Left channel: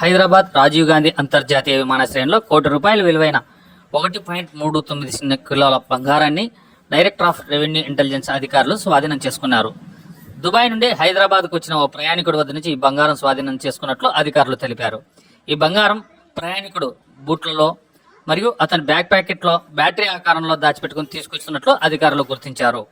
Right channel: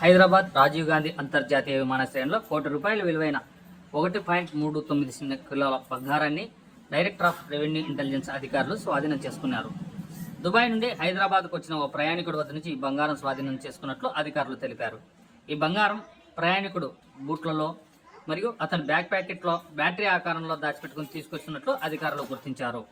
హైదరాబాద్ రాజీవ్ గాంధీ అంతర్జాతీయ విమానాశ్రయంలో ₹1 కోటి విలువైన 1.39 కిలోల బంగారాన్ని డైరెక్టర్ ఆఫ్ రెవెన్యూ ఇంటెలిజెన్స్ అధికారులు స్వాధీనం చేసుకున్నారు. దుబాయ్ నుండి హైదరాబాద్కు వచ్చిన ఓ ప్రయాణికుడి వద్ద నుంచి ఈ బంగారం స్వాధీనం చేసుకున్నట్లు అధికారులు తెలిపారు. ఈ బంగారం ప్రయాణికుడు బూట్లలో మరియు అతని బ్యాగ్ ప్యాకెట్లో బ్యాటరీ ఆకారంలో దాచిపెట్టుకుని తీసుకొచ్చినట్లు అధికారులు గుర్తించారు.